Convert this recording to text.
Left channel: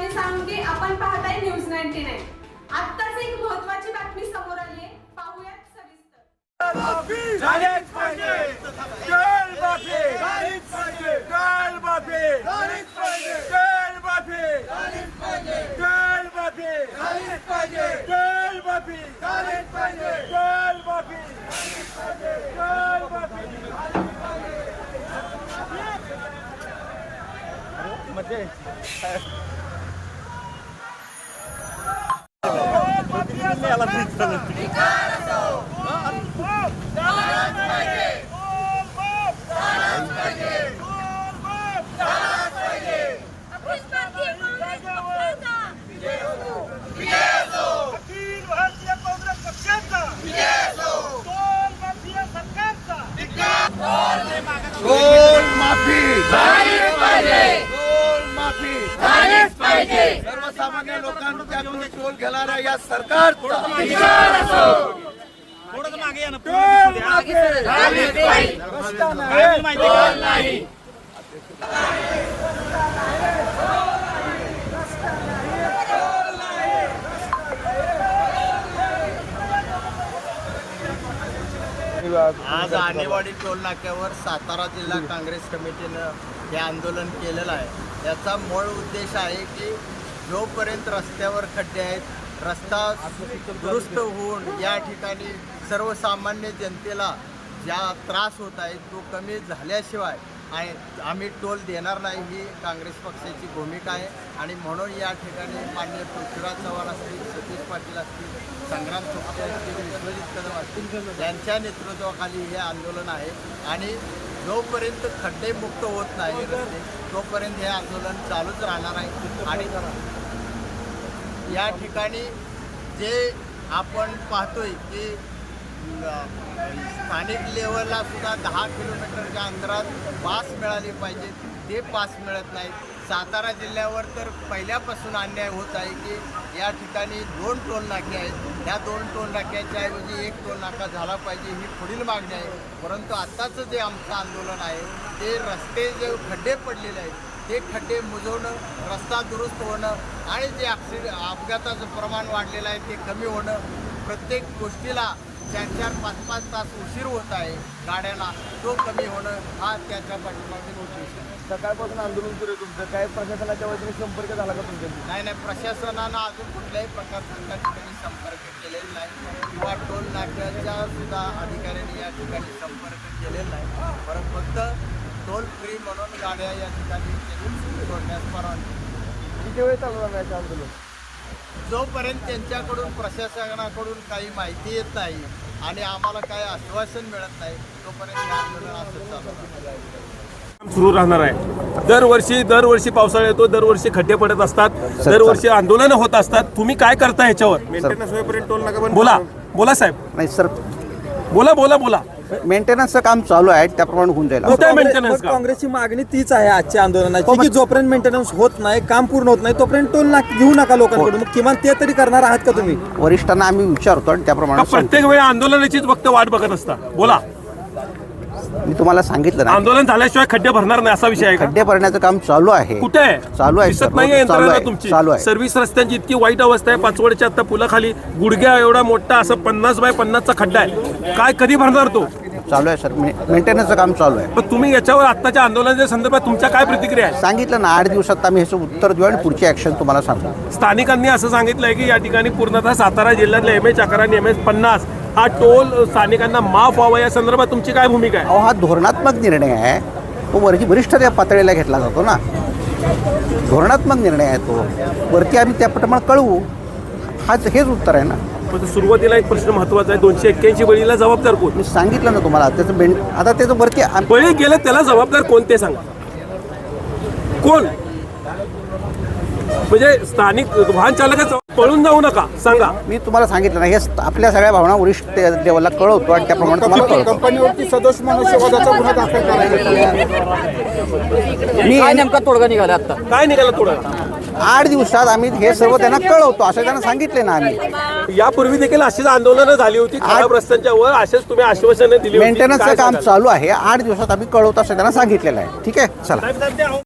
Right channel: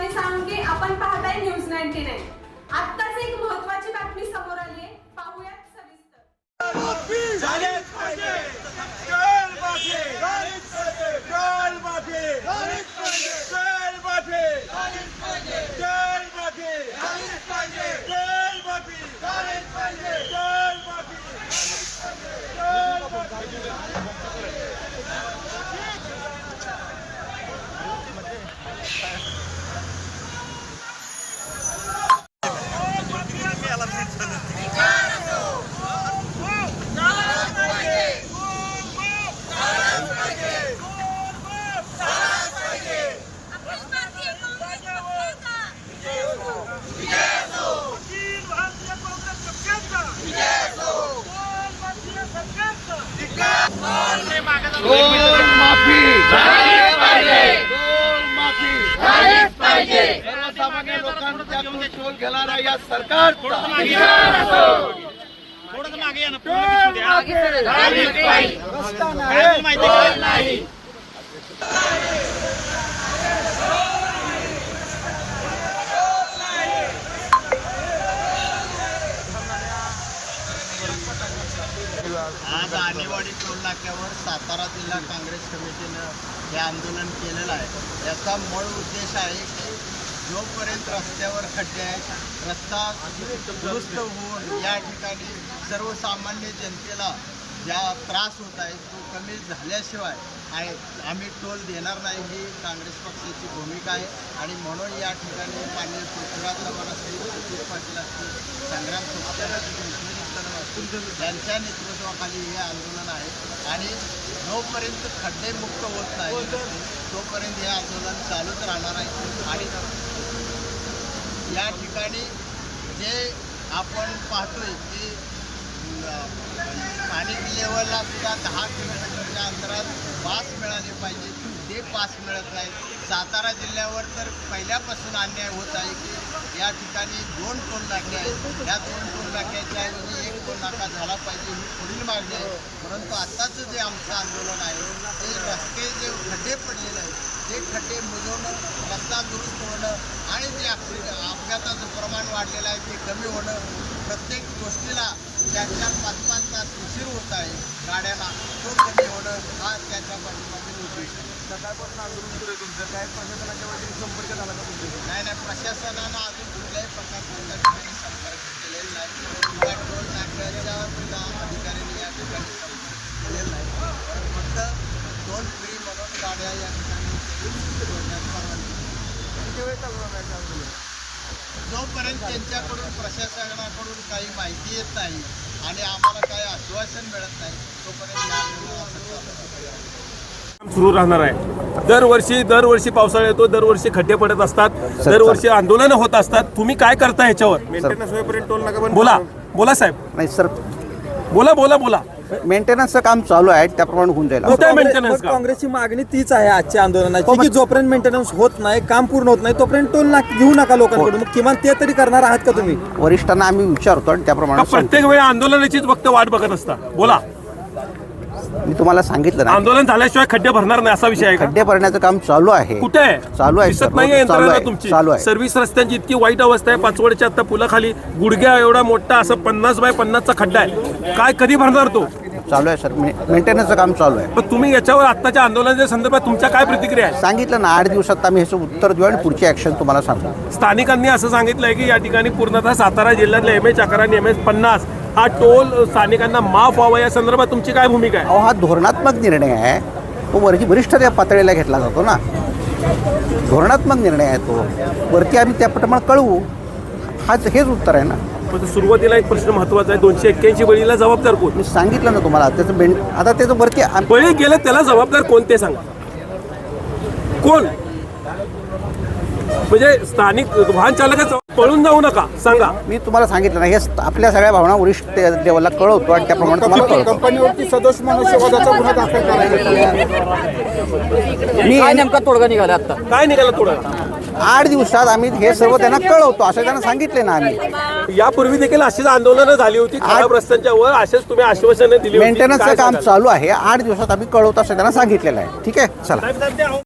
आणि सांगे आपण पाहताय न्यूज 99। आत्ताच एक महत्त्वाची बातमी समोर आली आहे, पाहूयात सविस्तर। माफी झालीच पाहिजे, जल माफी झालीच पाहिजे, जल माफी झालीच पाहिजे, जल माफी झालीच पाहिजे, जल माफी झालीच पाहिजे, जल माफी झालीच पाहिजे, जल माफी झालीच पाहिजे, जल माफी सर्वसामान्य लोकांच्याकडून टोल घेणाऱ्या या सरकारचा आज आणेवाडी टोल नाक्यावर सातारा जिल्हा काँग्रेस कमिटीनं हे आंदोलन केलेलं आहे। याचा मूळ उद्देश आहे की जोपर्यंत रस्त्यावर खड्डे आहेत, रस्ता दुरुस्त होऊन या ठिकाणी सर्वसामान्य जनतेला ज्या त्रास होत आहे तो कमी झाल्याशिवाय आम्ही टोल देणार नाही, ही काँग्रेस पक्षाची भूमिका आहे। आणि म्हणून या ठिकाणी माननीय पृथ्वीराज चव्हाण असतील, सतीश पाटील असतील, संग्राम थोपटे असतील, विश्वजित कदम असतील यांच्या नेतृत्वाखाली हे आंदोलन आहे। आणि जोपर्यंत खड्डेमुक्त होत नाही रस्ते तोपर्यंत हे आंदोलन चालूच राहणार आहे। आणि या ठिकाणी जे आपण पाहतोय की स्थानिक लेवलला सुद्धा 10 किलोमीटरच्या अंतरात पास मिळाली पाहिजे, ते पास मिळत नाही। सातारा जिल्ह्यावर तर पहिल्यापासून अन्याय होत आहे की या ठिकाणी 2 टोल नाके आहेत, ह्या 2 टोल नाक्याच्या ऐवजी 1 टोल नाका झाला पाहिजे, ही पुढील मागणी आहे। परंतु आत्ताचं जे आमचं आंदोलन आहे ते रस्ते जे खड्डे पडलेले आहेत ते खड्डे बुजवणं, रस्ता दुरुस्त होणं आणि जे अपघाताचं प्रमाण वाढलेलं आहे ते कमी होणं, प्रत्येक गोष्टीला 4-4, 5-5 तास उशीर होत आहे गाड्यांना, तो कमी होणं हा त्याच्या पाठीमागील उद्देश आहे। सकाळपासून आंदोलन केले, तुमचं काय प्रशासनाच्या वतीने संपर्क झाला का तुमचा? नाही, प्रशासनानं अजून कुठल्याही प्रकारचा त्या ठिकाणी संपर्क केलेला नाही किंवा टोल नाक्याच्या सुद्धा अधिकाऱ्यांनी या ठिकाणी संपर्क केलेला नाही। परंतु फक्त टोल फ्री म्हणून गाड्या या ठिकाणी सोडण्यास परवानगी। किती वेळ चालू आहे आंदोलन? जोपर्यंत त्यांच्याकडून प्रशासनाकडून काही माहिती येत नाही आणि आम्हाला काही आश्वासन मिळत नाही तोपर्यंत हे आंदोलन असं चालू राहणार सुरू राहणार आहे। दरवर्षी पावसाळा येतो, दरवर्षी खड्डे पडत असतात, दरवर्षी आंदोलन होत असतात। तुम्ही काय करता ह्याच्यावर? मेंटेनन्स होईपर्यंत टोल नाका बंद. बोला साहेब. नाही सर, बोला मेंटेनन्सचं काम चालू आहे, त्याप्रमाणे होऊन जाईल। मेंटेनन्स काँग्रेसची मागणी तीच आहे आजच्या आंदोलनाची की जोपर्यंत मेंटेनन्स होत नाही, काम पूर्ण होत नाही तोपर्यंत टोल नाका घेऊ नका लोकांकडून। मग किमान ते तरी करणार आहात का तुम्ही? वरिष्ठांना आम्ही विचारतो आणि त्याप्रमाणे प्रत्येक वेळी आंदोलनाचीच फक्त वाट बघत असता? बोला. मी तुम्हाला सांगितलं ना, आंदोलन झाल्याशिवाय खड्डे भरणार नाही असा विषय आहे का? खड्डे भरण्याचं काम चालू आहे। कुठे आहे? चालू आहे, दिसत नाहीये यंत्रणा तुमची? चालू आहे। सर्व्हिस रस्त्यांची इतकी वाईट अवस्था आहे, पाचवडच्या आता पुलाखाली गुडघ्या एवढा मोठा असं 50 बाय 50चा खड्डा आहे, काय कधी भरणार तो? चालू आहे सर, मेंटेनन्सचं काम चालू आहे। पण तुम्ही याच्यावर आत्ताच्या आंदोलनाच्या संदर्भात तुमच्या काय प्रतिक्रिया आहे? सांगितलं ना, 8 दिवसात आम्ही ह्याचं उत्तर देऊ आणि पुढची ऍक्शन तुम्हाला सांगू। स्थानिकांनी असं सांगितलंय की या ठिकाणी पूर्णतः सातारा जिल्ह्यातले MH 11 आणि MH 50 हा टोल स्थानिकांना माफ व्हावा, या संदर्भात तुमची काय भूमिका आहे? हा धोरणात्मक निर्णय आहे, तो वरिष्ठ त्या पातळीला घेतला जातो ना, धोरणात्मक निर्णय आहे तो, वरती आम्ही त्याप्रमाणे कळवू, हेच उत्तर आहे ना। पण सुरुवातीला एक प्रश्न महत्वाचा आहे, 281 बळीला जबाबदार कोण? मी सांगितलं ना तुम्हाला, आता त्याचं वरती बळी गेलं त्याला जबाबदार कोण ते सांगा, कोण? म्हणजे स्थानिक वाहन चालकाचं पळून जाऊ नका सांगा। मी तुम्हाला सांगितलं ना, हे आपल्या सगळ्या भावना वरिष्ठ लेवलला कळवतो आणि त्याप्रमाणे तुम्हाला कळवतो। कंपनीवरती सदोष मनुष्यवधाचा गुन्हा दाखल करायचा मी नेमका तोडगा निघाला आता काय निघाला थोडं? 8 दिवसात आम्ही हे सर्व त्यांना कळवतो असं त्यांना सांगितले ना आम्ही। यापूर्वी देखील अशीच आंदोलनं झाली होती खराब रस्त्यांच्या वर, असेच तुम्ही आश्वासनं दिली होती। मेंटेनन्सचं काम चालू आहे, 8 दिवसात आम्ही कळवतो असं त्यांना सांगितलेलं आहे। ठीक आहे, चला.